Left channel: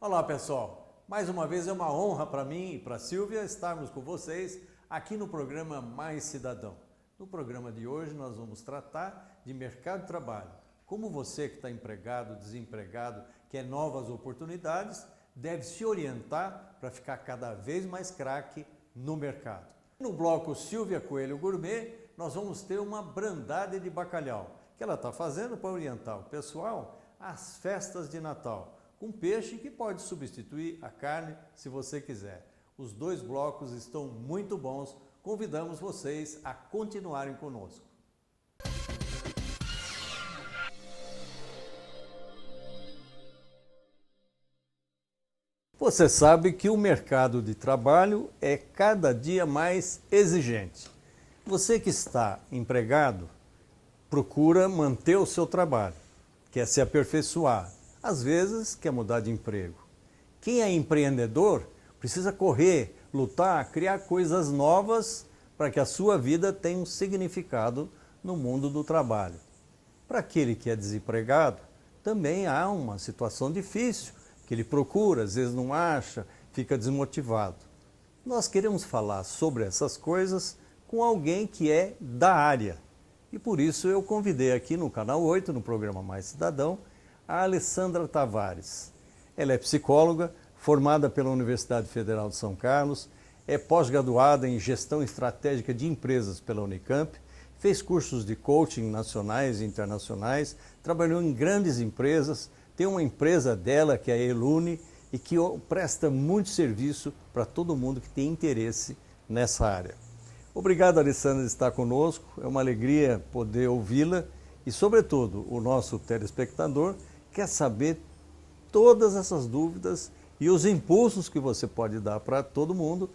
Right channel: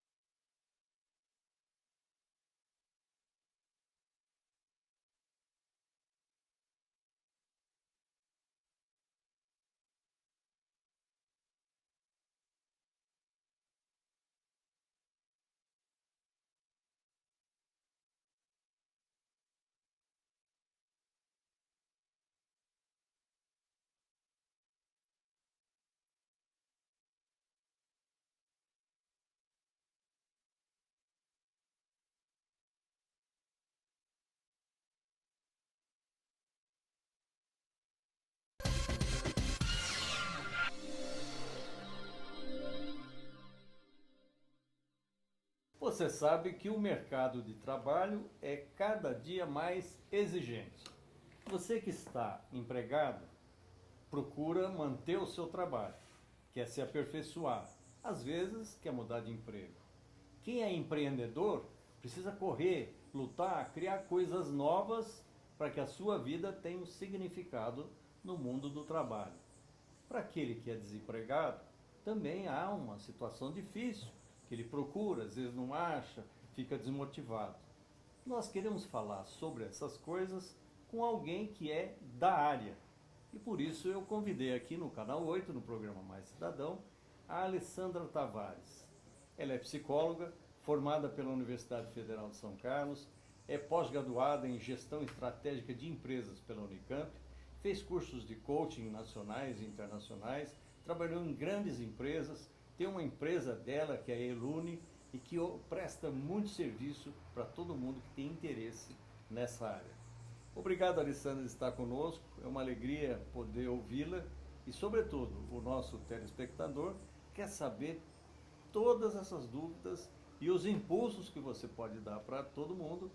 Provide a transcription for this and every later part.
Olá pessoal, mais uma vez é uma honra para mim e para a Silvia estarmos com vocês aqui no programa Mais Cidadão. No programa de hoje nós vamos tratar de mercado de trabalho. Como você que está empregado, desempregado, quer novas oportunidades, deve se orientar para ficar cada vez mais craque no mercado. No bloco Silvia Coelho Gourmet, nós vamos ter uma brandade de bacalhau, que ela está fazendo para orientar o pessoal às festas de Natal, com peixe que pode substituir a carne se você quiser. Os dois blocos estão muito bons, convidamos vocês a continuarem conosco. Você sabe que o mercado de trabalho é cada dia mais exigente. Você que está empregado, procura manter o seu trabalho, quer se aperfeiçoar, às vezes quer mudar de emprego. Quem é empreendedor precisa correr, lutar, criar coisas novas para que a sua vida tenha um significado no mundo do trabalho. Para aquele que é desempregado, também há uma situação difícil, que ele procura, às vezes não acha, fica desmotivado. Nós queremos falar sobre essas coisas com alguém que é da área. E por isso eu convidei aqui no Canal 8, no programa Mais Cidadão, a Alessandra Tavares. Ela é psicóloga, formada pela Universidade Federal de São Carlos, é pós-graduada em Gestão Estratégica de Empresas pela Unicamp, fez cursos de coaching nacionais e internacionais, trabalhou em grandes empresas, tem uma empresa dela que é a Elune e que presta muito serviço para todo mundo que tem interesse nessa área. Obrigado, Alessandra, de estar conosco. É uma alegria poder ouvi-la e, sobretudo, o nosso telespectador quer saber todas essas dúvidas e os impulsos que você pode dar para todo mundo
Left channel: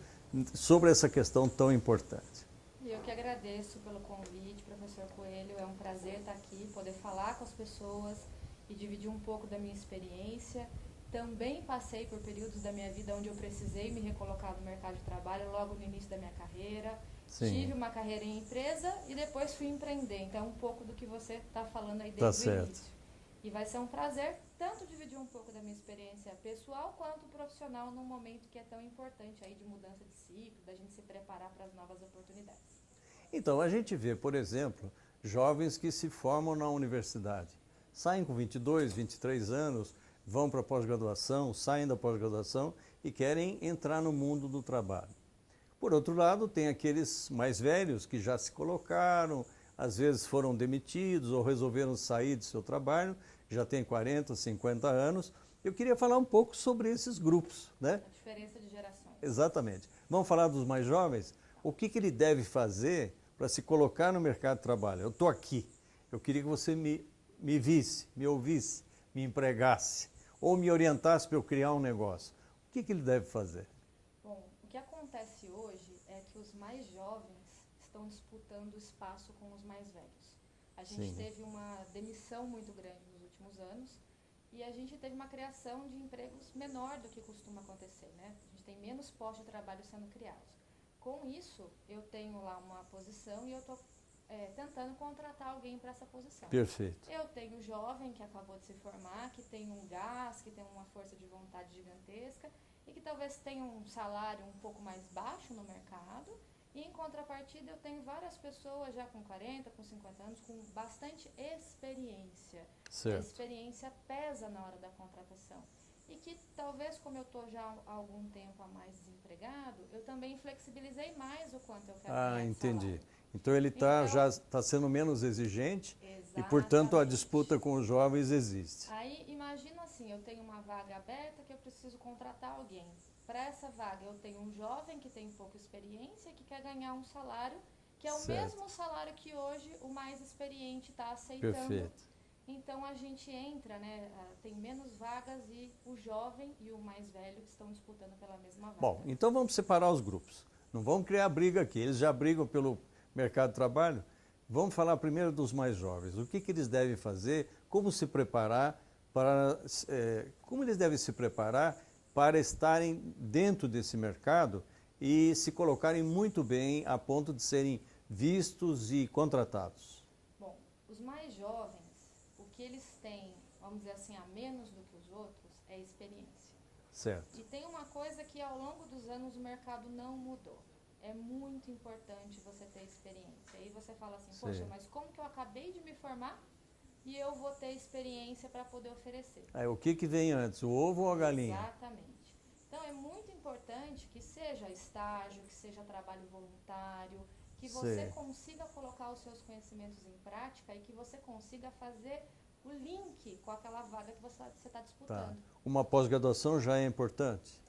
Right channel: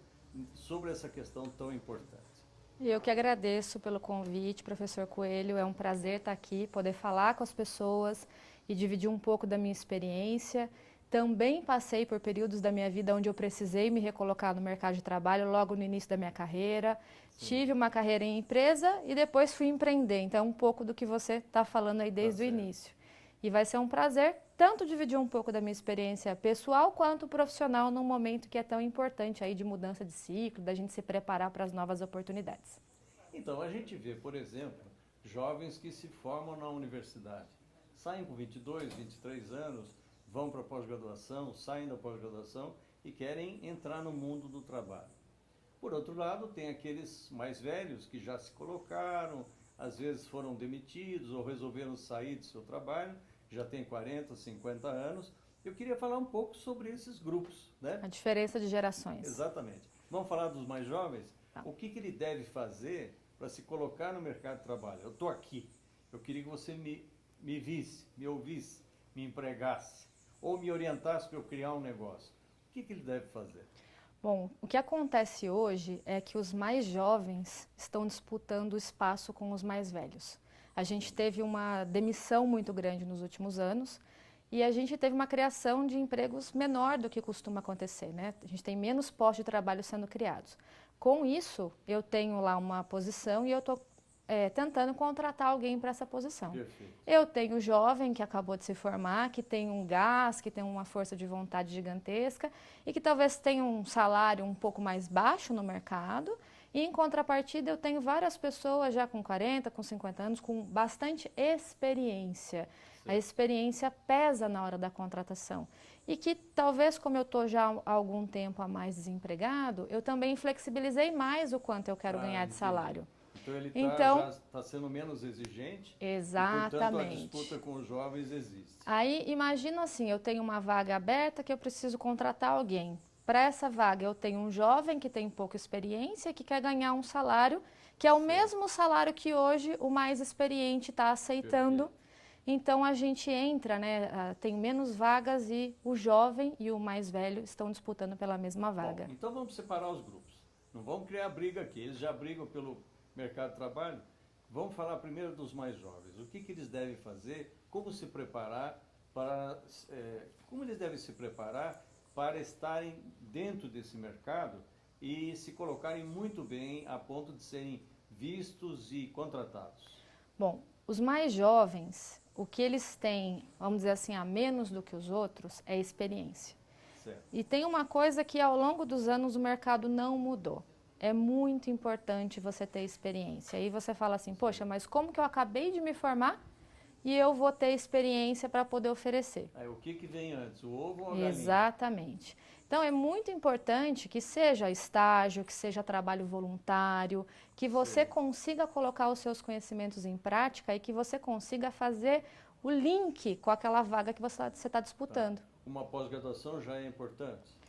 sobre essa questão tão importante. Eu que agradeço pelo convite, professor Coelho. É um prazer estar aqui, poder falar com as pessoas e dividir um pouco da minha experiência. Também passei por períodos da minha vida onde eu precisei me recolocar no mercado de trabalho logo no início da minha carreira. Sim. Tive uma carreira em empresa e depois fui empreender. Então, um pouco do que você está falando aí desde o início. E vai ser um prazer tanto dividir um pouco da minha experiência pessoal quanto profissional num momento que é tão importante aí de mudança de ciclo, da gente se preparar para as novas oportunidades. Então, a gente vê, por exemplo, jovens que se formam na universidade. Saem com 22, 23 anos, vão para a pós-graduação, saem da pós-graduação e querem entrar no mundo do trabalho. Por outro lado, tem aqueles mais velhos que já se colocaram, às vezes foram demitidos ou resolveram sair do seu trabalho, já tem 40, 50 anos. Eu queria falar um pouco sobre esses grupos, né? A diferença de gerações. Exatamente. Vamos falar dos mais jovens? Tá. O que ele deve fazer para se colocar no mercado de trabalho? Eu estou aqui, eu queria que você me visse, me ouvisse, me empregasse ou me orientasse para eu criar um negócio. O que ele deve fazer? Bom, o que acontece hoje é que os mais jovens estão disputando espaço com os mais velhos. A gente Sim. teve uma demissão muito grande nos últimos anos e a gente teve uma criação de empregos menor do que costuma acontecer, né? A gente tem menos postos de trabalho sendo criados. Com isso, eu tenho lá uma posição e eu estou tentando contratar alguém para essa posição. Perfeito. Eu tenho o jovem que acabou de se formar, que tem um gás, que tem uma força de vontade gigantesca e que talvez tenha um salário um pouco mais baixo no mercado. E em contrapartida eu tenho várias pessoas já com 40, com 50 anos, com bastante experiência. Certo. A experiência pesa na hora da contratação. E que talvez, como eu estou já há algum tempo a mais desempregado, eu também flexibilizei mais o quanto eu quero ganhar de salário. Então ele já está sendo menos exigente. Exatamente. E, portanto, a disputa com os jovens existe. Aí, imagina assim, eu tenho uma vaga aberta que eu preciso contratar alguém. Para essa vaga, eu tenho um jovem que tem pouca experiência, que quer ganhar um salário, que é o mesmo salário que hoje o mais experiente está aceitando. Perfeito. Então, a gente entra, né, tem menos vagas e o jovem e o mais velho estão disputando pela mesma vaga. Bom, então vamos separar os grupos. Não vamos criar briga aqui. Eles já brigam pelo mercado de trabalho. Vamos falar primeiro dos mais jovens. O que eles devem fazer, como se preparar para, como eles devem se preparar para estarem dentro desse mercado e se colocarem muito bem a ponto de serem vistos e contratados. Bom, os mais jovens, o que eles têm, vamos dizer assim, a menos do que os outros, é experiência. Certo. E tem uma coisa que ao longo dos anos o mercado não mudou. É muito importante você ter experiência. Aí você fala assim, poxa, mas como que eu acabei de me formar e eu vou ter experiência para poder oferecer? Aí, o que vem antes, o ovo ou a galinha? Exatamente. Então é muito importante que seja estágio, que seja trabalho voluntário, que você Sei. consiga colocar os seus conhecimentos em prática e que você consiga fazer o link com aquela vaga que você está disputando. Tá. Uma pós-graduação já é importante?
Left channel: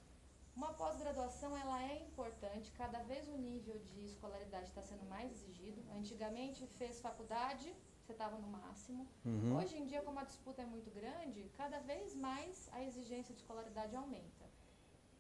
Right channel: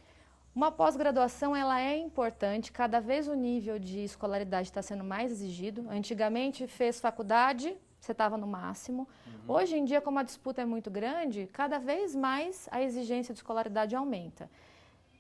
Uma pós-graduação ela é importante, cada vez o nível de escolaridade está sendo mais exigido. Antigamente fez faculdade, você estava no máximo. Hoje em dia, como a disputa é muito grande, cada vez mais a exigência de escolaridade aumenta.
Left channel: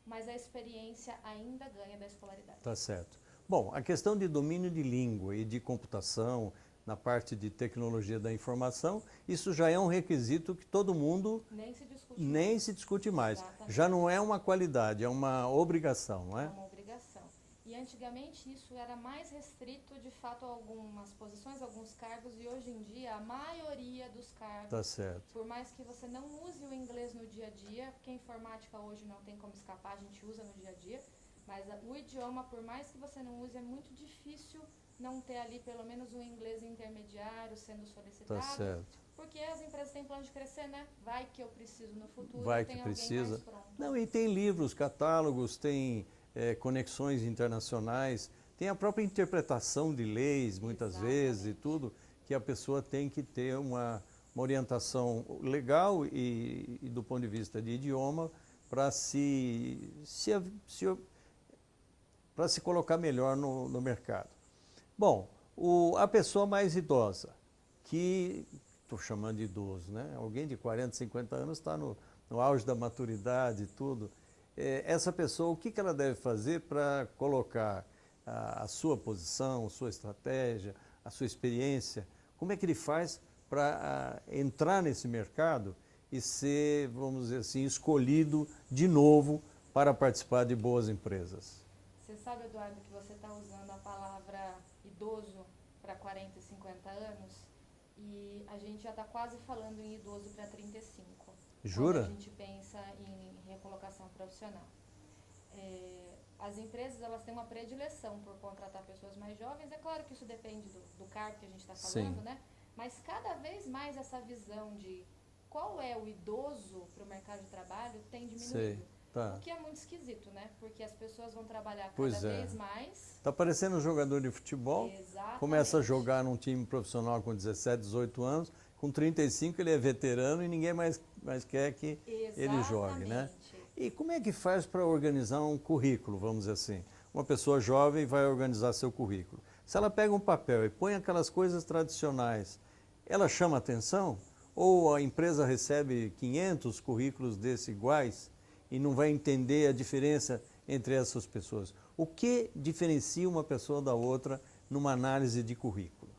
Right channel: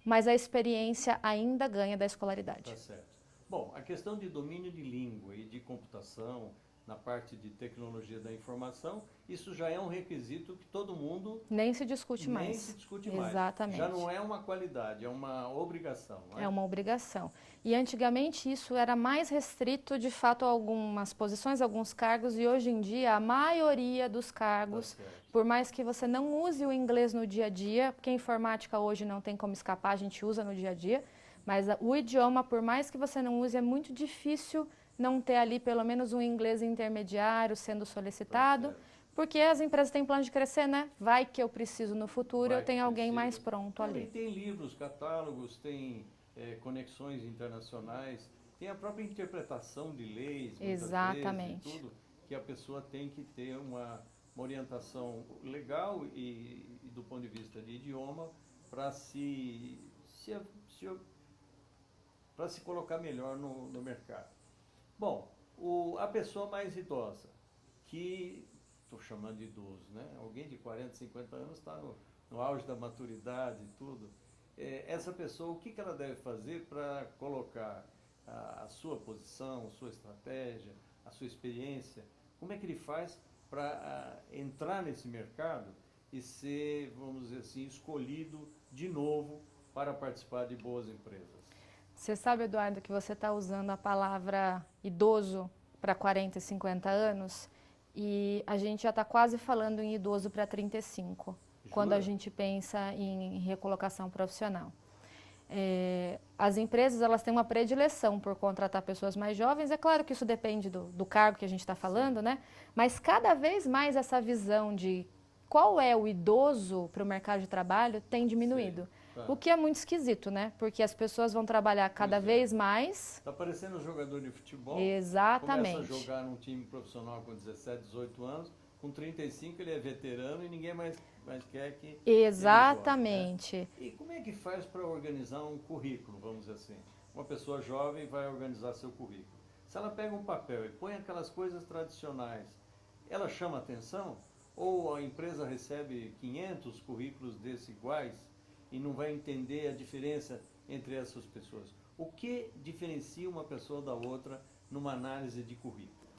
Mas a experiência ainda ganha da escolaridade. Tá certo. Bom, a questão de domínio de língua e de computação, na parte de tecnologia da informação, isso já é um requisito que todo mundo Nem se discute mais. nem se discute mais. Exatamente. Já não é uma qualidade, é uma obrigação, não é? É uma obrigação. E antigamente isso era mais restrito, de fato, a algumas posições, alguns cargos, e hoje em dia a maioria dos cargos, Tá certo. por mais que você não use o inglês no dia a dia, porque a informática hoje não tem como escapar, a gente usa no dia a dia, mas o idioma, por mais que você não use, é muito difícil não ter ali pelo menos um inglês intermediário sendo solicitado, Tá certo. porque as empresas têm plano de crescer, né? Vai que eu preciso no futuro, Vai eu tenho que alguém precisa. mais pronto Não, ali. e tem livros, catálogos, tem conexões internacionais, tem a própria interpretação de leis, muitas vezes, e Exatamente. tudo, que a pessoa tem que ter uma orientação legal e do ponto de vista de idioma para para se colocar melhor no mercado. Bom, a pessoa mais idosa, que estou chamando de idoso, né? Alguém de 40, 50 anos está no auge da maturidade e tudo. Essa pessoa, o que ela deve fazer para colocar a sua posição, a sua estratégia, a sua experiência? Como é que ele faz para entrar nesse mercado e ser, vamos dizer assim, escolhido de novo para participar de boas empresas? Você sabe, Eduardo, que você está usando a palavra idoso para 40 e 50 anos e a gente já está quase falando em idoso para 35, Jura? quando a gente pensa em recolocação profissional. As empresas elas têm uma predileção por contratar pessoas mais jovens, é claro que isso depende do cargo que a gente está falando, né? Mas cada vez mais essa visão de qual é o idoso para o mercado de trabalho tem diminuído. Sei. Tá. O que é muito esquisito, né? Porque as pessoas vão trabalhar cada vez mais. Está parecendo um jogador de futebol. Exatamente. Começa a jogar num time profissional com 17, 18 anos. Com 35 ele é veterano e ninguém mais quer que Exatamente. ele jogue, né? E como é que faz para organizar um currículo, vamos dizer assim? Uma pessoa jovem vai organizar seu currículo. Se ela pega um papel e põe aquelas coisas tradicionais, ela chama atenção? Ou a empresa recebe 500 currículos desses iguais e não vai entender a diferença entre essas pessoas? O que diferencia uma pessoa da outra numa análise de currículo?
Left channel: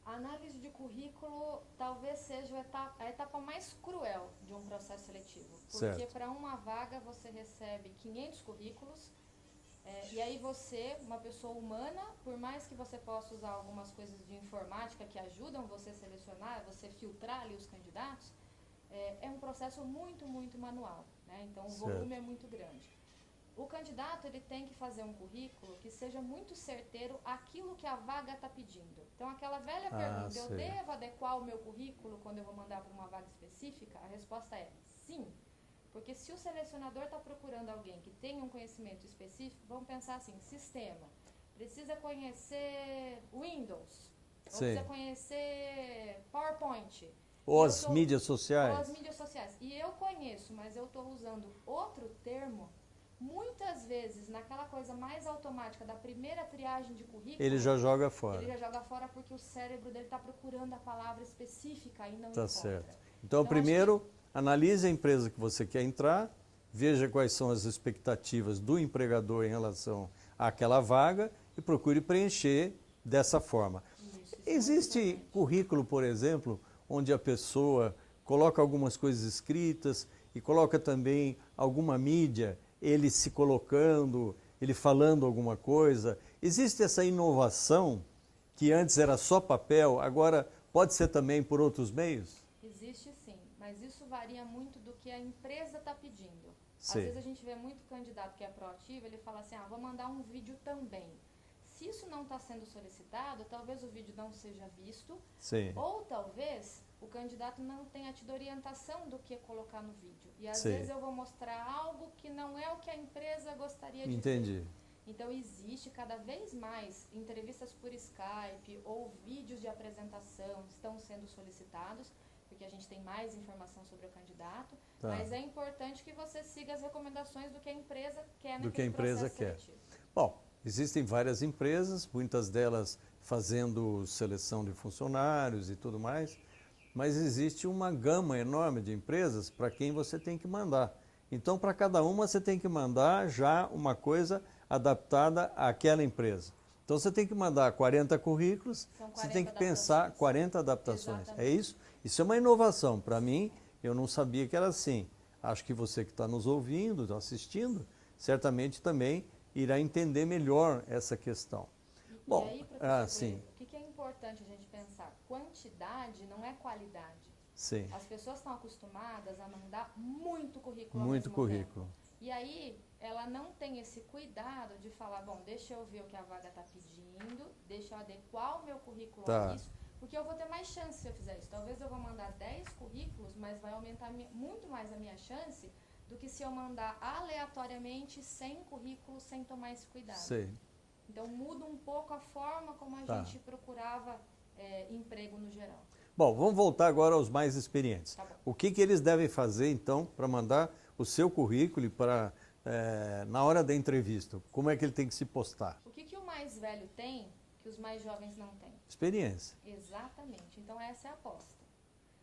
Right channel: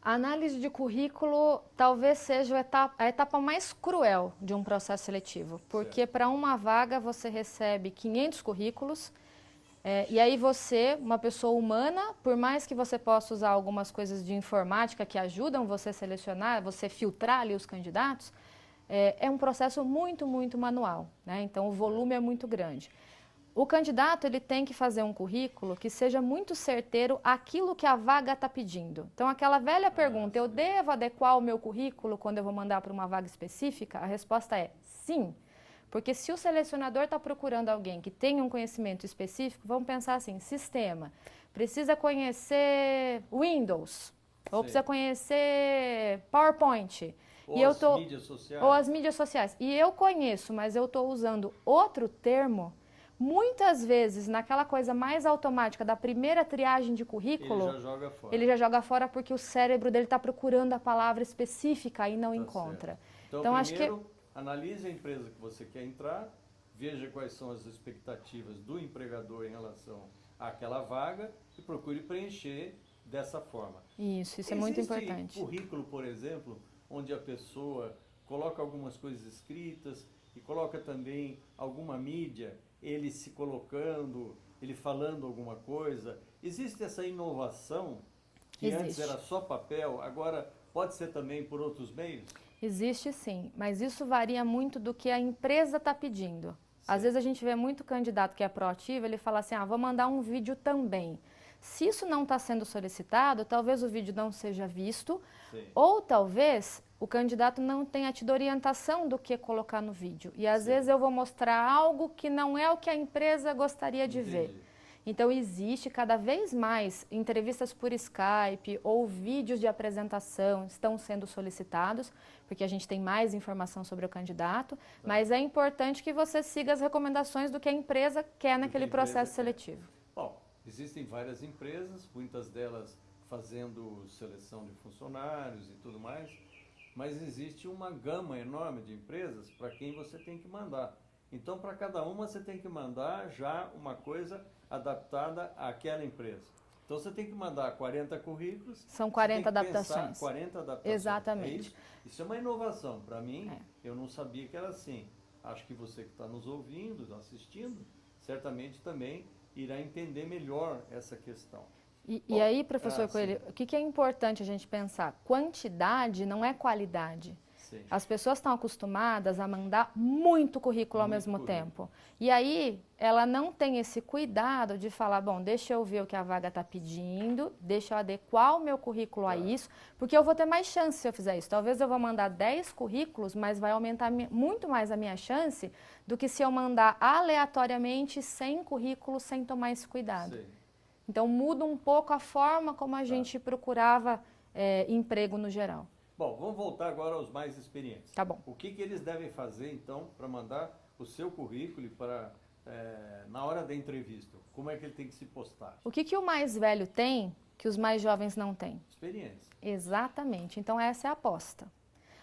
A análise de currículo talvez seja a etapa mais cruel de um processo seletivo, porque para uma vaga você recebe 500 currículos e aí você, uma pessoa humana, por mais que você possa usar algumas coisas de informática que ajudam você a selecionar, você filtrar ali os candidatos, é um processo muito, muito manual, né? Então o volume é muito grande. O candidato ele tem que fazer um currículo que seja muito certeiro àquilo que a vaga está pedindo. Então aquela velha pergunta, eu devo adequar o meu currículo quando eu vou mandar para uma vaga específica? A resposta é sim. Porque se o selecionador está procurando alguém que tenha um conhecimento específico, vamos pensar assim, sistema, precisa conhecer Windows, ou precisa conhecer PowerPoint. Ou as mídias sociais. Ou as mídias sociais. E eu conheço, mas eu estou usando outro termo. Muitas vezes, naquela coisa mais automática da primeira triagem de currículo... Ele já joga fora. Ele já joga fora porque o cérebro dele está procurando a palavra específica e não encontra. Certo. Então, primeiro, analise a empresa que você quer entrar, veja quais são as expectativas do empregador em relação àquela vaga e procure preencher dessa forma. Isso é muito importante. Existe currículo, por exemplo, onde a pessoa coloca algumas coisas escritas e coloca também alguma mídia, ele se colocando, ele falando alguma coisa. Existe essa inovação que antes era só papel, agora pode ser também por outros meios? Existe sim, mas isso varia muito do que a empresa está pedindo. Às Sim. vezes a gente vê muito candidato que é proativo, ele fala assim, vou mandar um vídeo também. Se isso não está sendo solicitado, talvez o vídeo não seja visto, Sim. ou talvez o candidato não tenha tido orientação do que colocar no vídeo. E às Sim. vezes eu vou mostrar algo que não é o que a empresa gostaria de Entendi. ver. Então existe cada vez mais entrevistas por Skype ou vídeos de apresentação estão sendo solicitados, porque a gente tem mais informação sobre o candidato, Tá. mas é importante que você siga as recomendações do que a empresa quer naquele processo seletivo. Bom, existem várias empresas, muitas delas fazendo seleção de funcionários e tudo mais, mas existe uma gama enorme de empresas para quem você tem que mandar. Então, para cada uma, você tem que mandar já uma coisa adaptada àquela empresa. Então, você tem que mandar 40 currículos. São 40 você tem que adaptações. pensar 40 adaptações. Exatamente. É isso? Isso é uma inovação. Para mim, eu não sabia que era assim. Acho que você que está nos ouvindo, assistindo, certamente também irá entender melhor essa questão. E aí, professor Coelho, o que é importante a gente pensar? Quantidade não é qualidade. Sim. As pessoas estão acostumadas a mandar muito currículo ao mesmo tempo. E aí, ela não tem esse cuidado de falar, bom, deixa eu ver o que a vaga está pedindo, deixa eu adequar o meu currículo a isso, porque eu vou ter mais chance se eu fizer isso. Talvez eu vou mandar 10 currículos, mas vai aumentar muito mais a minha chance do que se eu mandar aleatoriamente 100 currículos sem tomar esse cuidado. Sim. Então, muda um pouco a forma como a gente procurava emprego no geral. Bom, vamos voltar agora aos mais experientes. Tá bom. O que eles devem fazer, então, para mandar o seu currículo para na hora da entrevista? Como é que ele tem que se postar? O que o mais velho tem que os mais jovens não têm? Experiência. Exatamente. Então, essa é a aposta.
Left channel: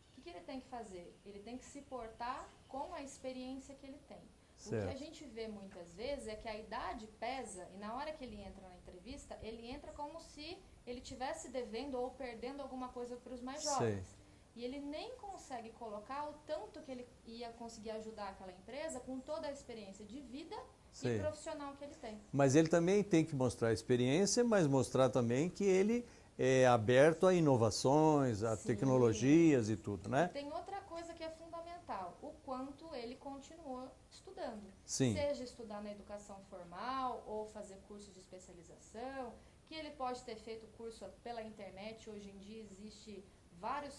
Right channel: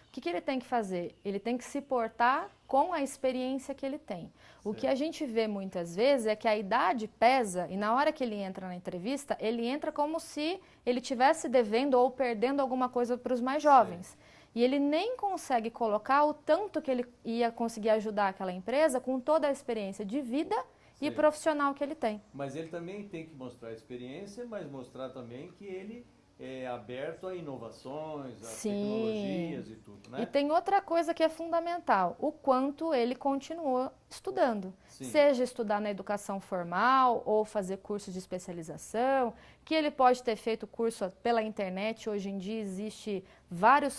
O que ele tem que fazer? Ele tem que se portar com a experiência que ele tem. Certo. O que a gente vê muitas vezes é que a idade pesa e na hora que ele entra na entrevista, ele entra como se ele estivesse devendo ou perdendo alguma coisa para os mais jovens. Sim. E ele nem consegue colocar o tanto que ele ia conseguir ajudar aquela empresa com toda a experiência de vida e profissional que ele tem. Mas ele também tem que mostrar experiência, mas mostrar também que ele é aberto a inovações, a tecnologias e tudo, né? E tem outra coisa que é fundamental, o quanto ele continua estudando. Sim. Seja estudar na educação formal ou fazer cursos de especialização, que ele pode ter feito curso pela internet. Hoje em dia existem vários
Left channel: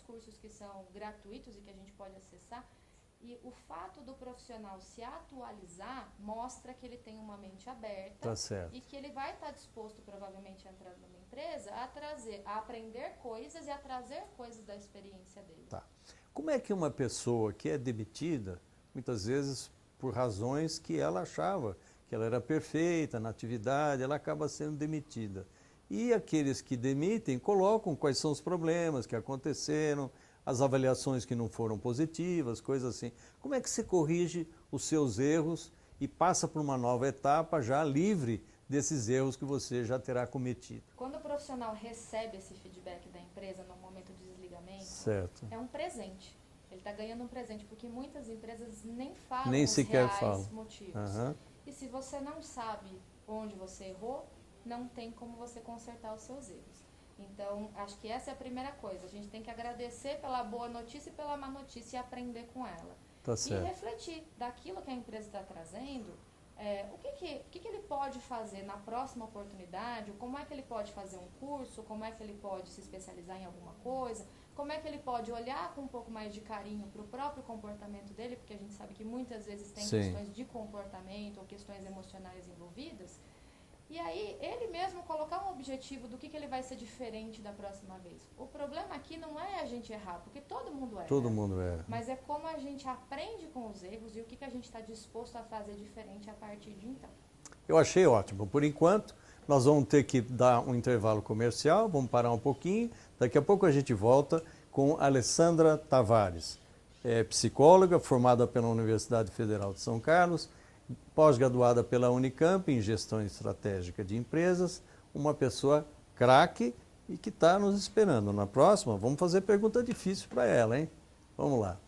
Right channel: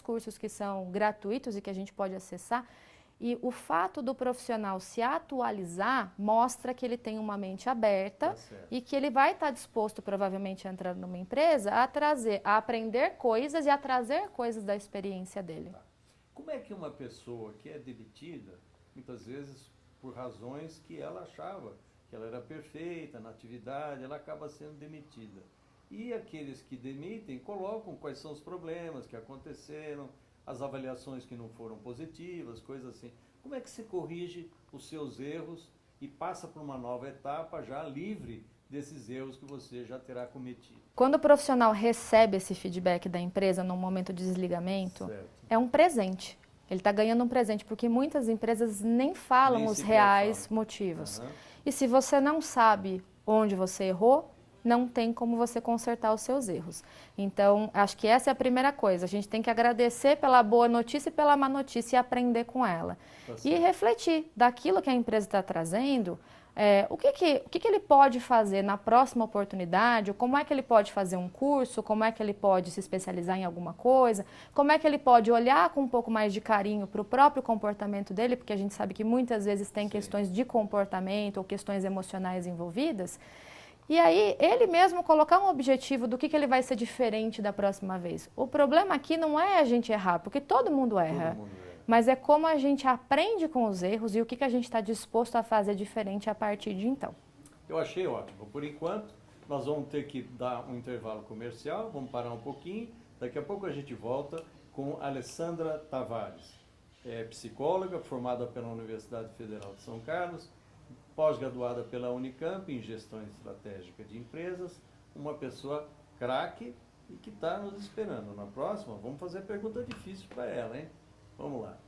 cursos que são gratuitos e que a gente pode acessar. E o fato do profissional se atualizar mostra que ele tem uma mente aberta e que ele vai estar disposto, provavelmente, a entrar numa empresa, a aprender coisas e a trazer coisas da experiência dele. Tá. Como é que uma pessoa que é demitida, muitas vezes por razões que ela achava que ela era perfeita na atividade, ela acaba sendo demitida? E aqueles que demitem colocam quais são os problemas que aconteceram, as avaliações que não foram positivas, coisas assim. Como é que você corrige os seus erros e passa para uma nova etapa já livre desses erros que você já terá cometido? Quando o profissional recebe esse feedback da empresa no momento de desligamento, é um presente. Ele está ganhando um presente, porque muitas empresas nem falam os reais motivos. E se você não sabe onde você errou, não tem como você consertar os seus erros. Então, acho que essa é a primeira coisa. A gente tem que agradecer pela boa notícia e pela má notícia e aprender com ela. E refletir daquilo que a empresa está trazendo, o que ele pode fazer na próxima oportunidade, como é que ele pode fazer um curso, como é que ele pode se especializar em alguma coisa, como é que ele pode olhar com um pouco mais de carinho para o próprio comportamento dele, porque a gente sabe que muitas vezes tem questões de comportamento ou questões emocionais envolvidas. E aí, ele mesmo colocar um objetivo do que ele vai ser diferente da próxima vez. O problema aqui não é a gente errar, porque todo mundo erra. Todo mundo erra. Mas é como a gente aprende com os erros e o que a gente está disposto a fazer diferente a partir de então. Eu achei ótimo. Por enquanto, nós vamos ter que dar um intervalo comercial, vamos parar um pouquinho. Daqui a pouco a gente volta com Alessandra Tavares, psicóloga formada pela Universidade Federal de São Carlos, pós-graduada pela Unicamp em Gestão Estratégica de Empresas, uma pessoa craque e que está nos esperando. Na próxima, vamos fazer pergunta difícil para ela, hein? Vamos lá.